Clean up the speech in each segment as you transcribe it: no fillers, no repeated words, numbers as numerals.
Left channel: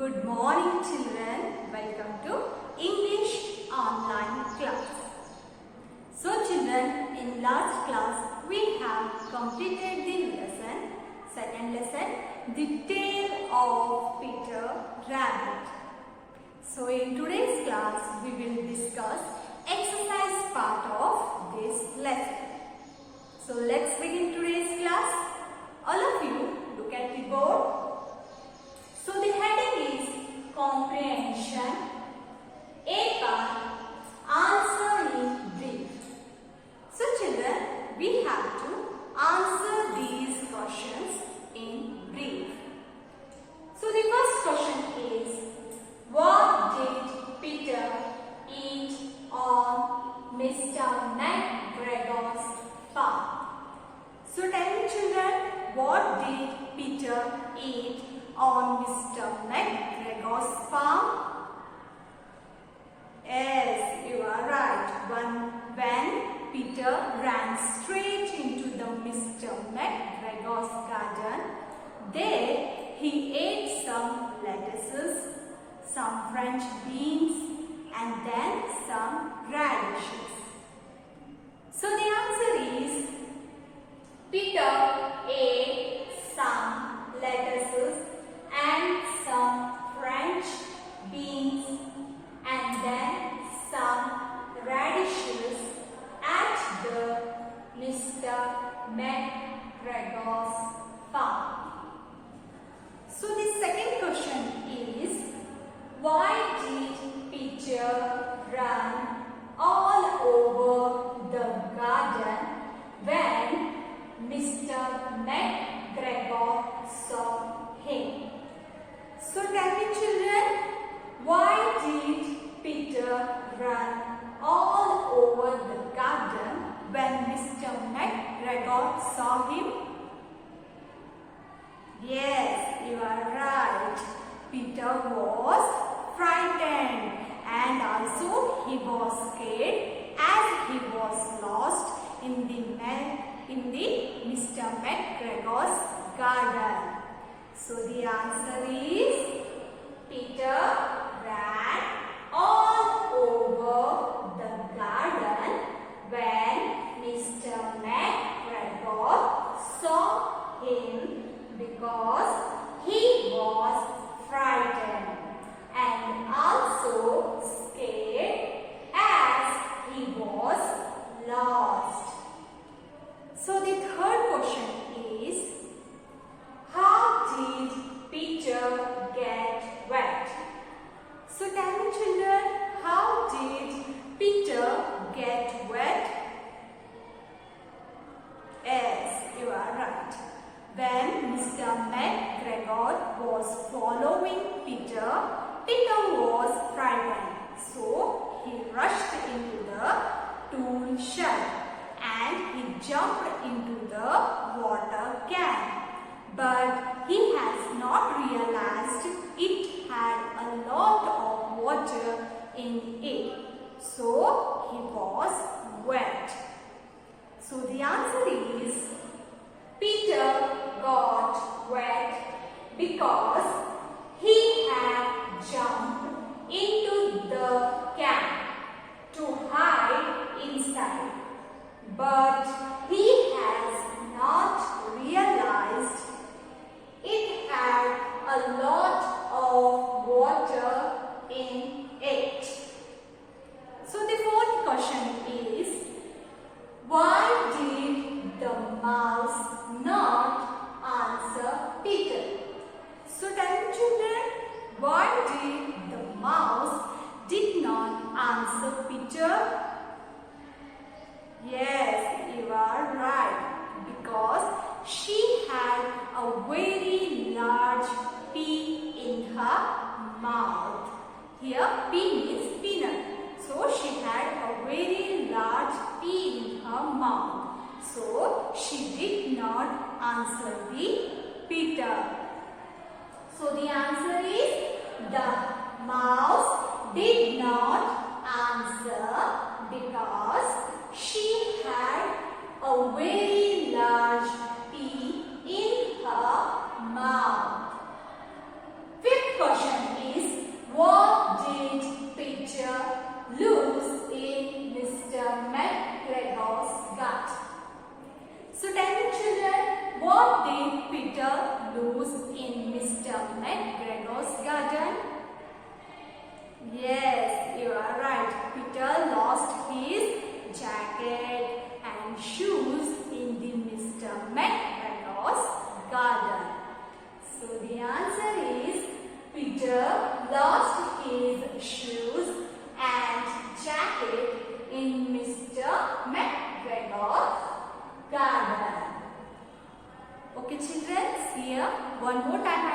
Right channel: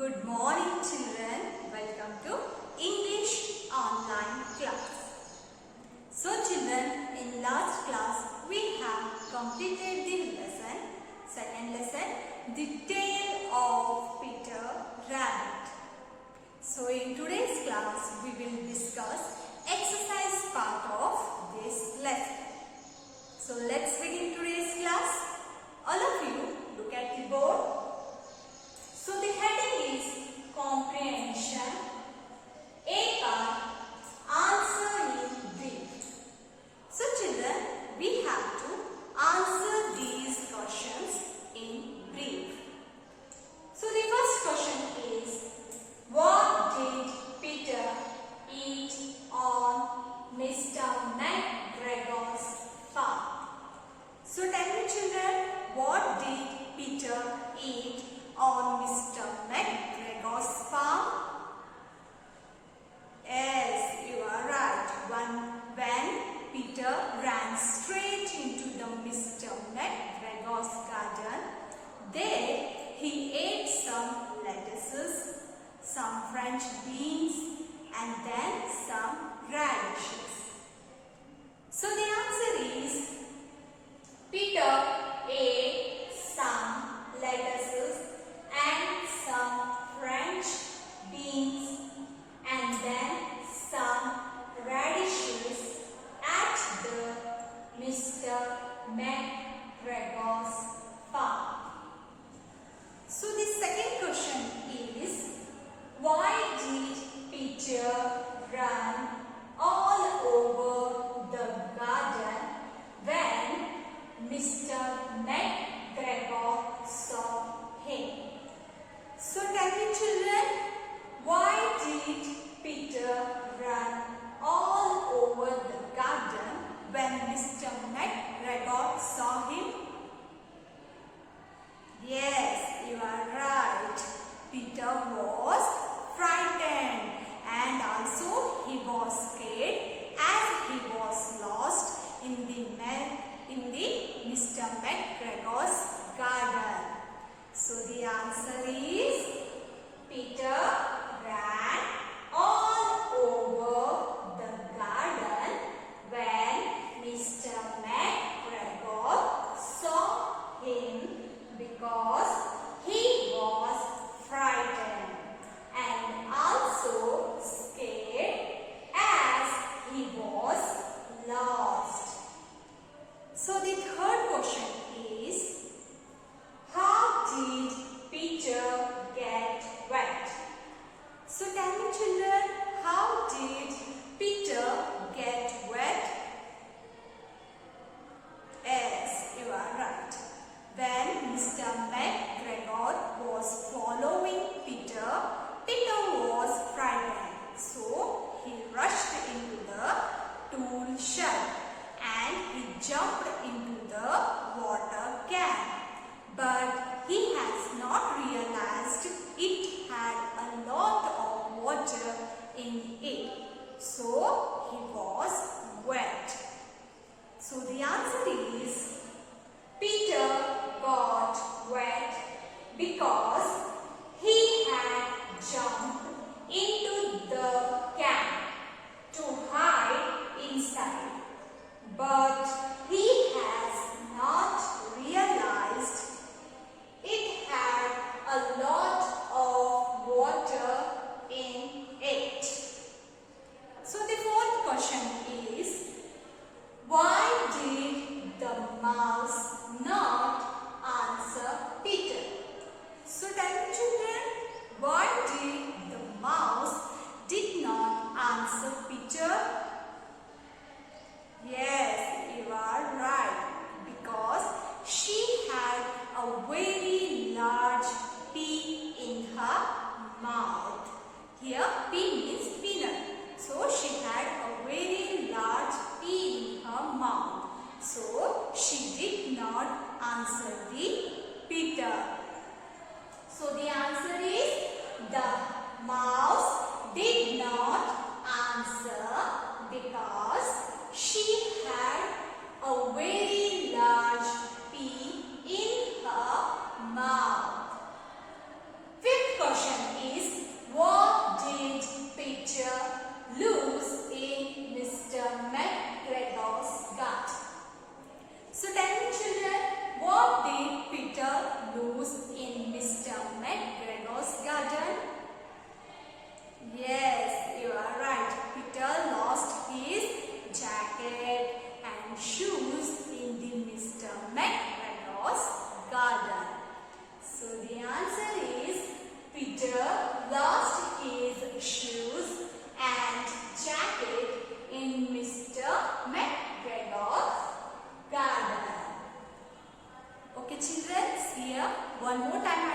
Good morning children. Welcome to English online class. So children, in last class we have completed the second lesson, The Tale of Peter Rabbit. So in today's class we will discuss exercise part of this lesson. So let's begin today's class. All of you look at the board. So the heading is comprehension. A part, answer in brief. So children, we have to answer these questions in brief. So the first question is, what did Peter eat on Mr. McGregor's farm? So tell me children, what did Peter eat on Mr. McGregor's farm? Yes, you are right. When Peter ran straight into the Mr. McGregor's garden, there he ate some lettuces, some French beans and then some radishes. So the answer is, Peter ate some lettuces and some French beans and then some radishes at the Mr. McGregor's farm. So the second question is, why did Peter run all over the garden when Mr. McGregor saw him? So tell me children, why did Peter run all over the garden when Mr. McGregor saw him? Yes, you are right. Peter was frightened and also he was scared as he was lost in the Mr. McGregor's garden. So the answer is, Peter ran all over the garden when Mr. McGregor saw him because he was frightened and also scared as he was lost. So the third question is, how did Peter get wet? So tell me children, how did Peter get wet? Yes, you are right. When Mr. McGregor was following Peter, Peter was frightened. So he rushed into the tool shed and he jumped into the water can. But he has not realized it had a lot of water in it. So he was wet. So the answer is, Peter got wet because he had jumped into the can to hide inside. But he has not realized it had a lot of water in it. So the fourth question is, why did the mouse not answer Peter? So tell me children, why did the mouse did not answer Peter? Yes, you are right. Because she had a very large pea in her mouth. Here pea means peanut. So she had a very large pea in her mouth. So she did not answer the Peter. So the answer is, the mouse did not answer because she had a very large pea in her mouth. Fifth question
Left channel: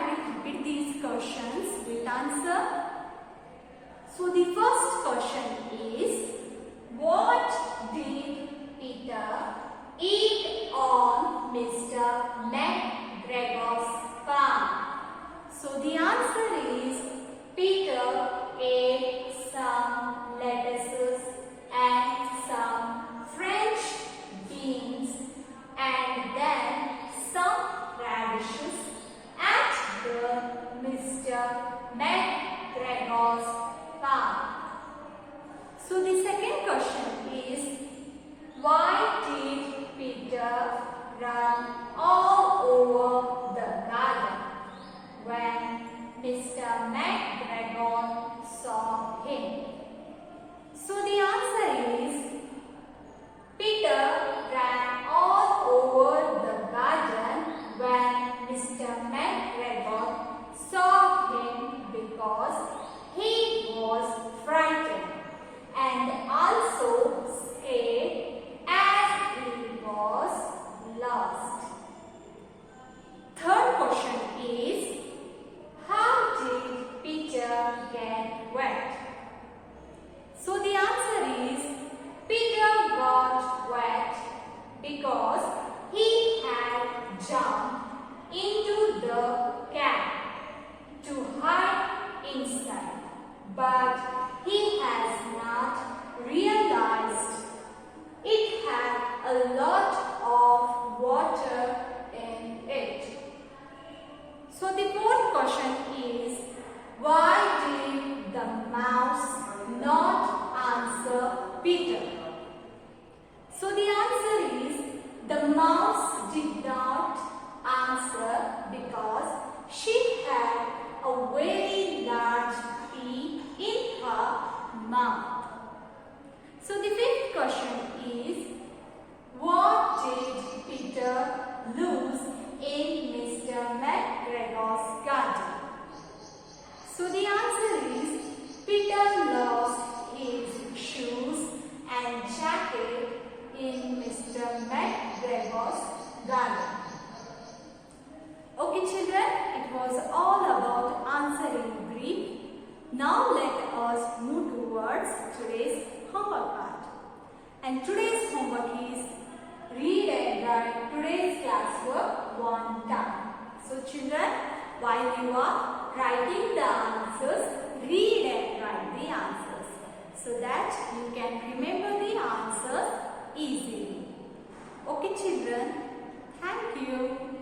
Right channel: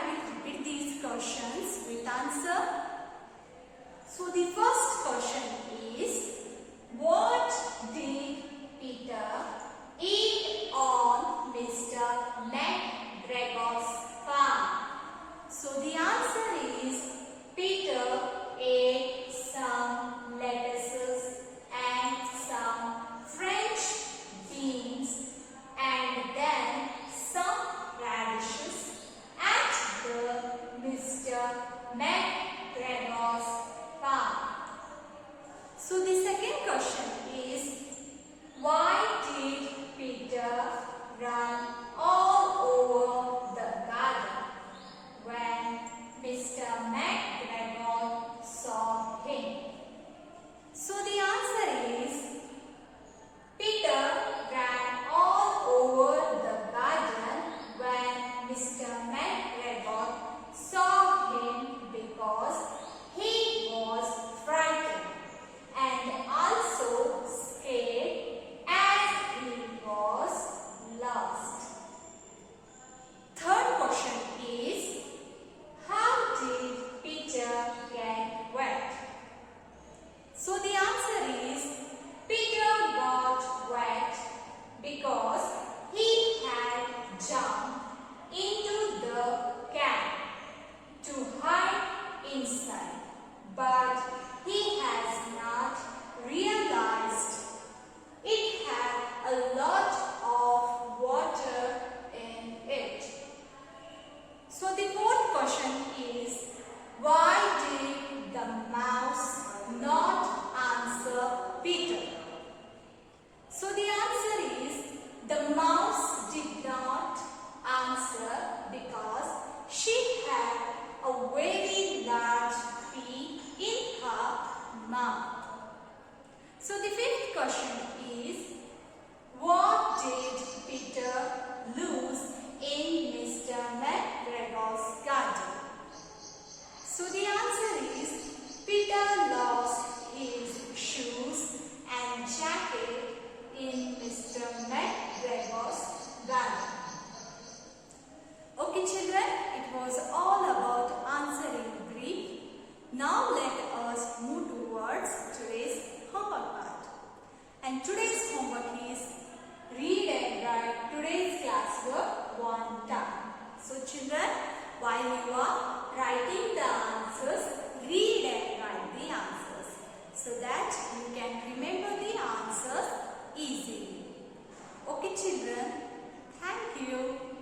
I will repeat these questions with answer. So the first question is, what did Peter eat on Mr. McGregor's farm? So the answer is, Peter ate some lettuces and some French beans and then some radishes at the Mr. McGregor's farm. So the second question is, why did Peter run all over the garden when Mr. McGregor saw him? So the answer is, Peter ran all over the garden when Mr. McGregor saw him because he was frightened and also scared as he was lost. Third question is, how did Peter get wet? So the answer is, Peter got wet because he had jumped into the can to hide inside, but he has not realized it had a lot of water in it. So the fourth question is, why did the mouse not answer Peter? So the answer is, the mouse did not answer because she had a very large pea in her mouth. So the fifth question is, what did Peter lose in Mr. McGregor's garden? So the answer is, Peter lost his shoes and jacket in Mr. McGregor's garden. Okay children, it was all about answering brief. Now let us move towards today's homework part. And today's homework is, read and write today's classwork one time. So children, while you are writing the answers, read and write the answers so that you can remember the answers easily. Okay children, thank you.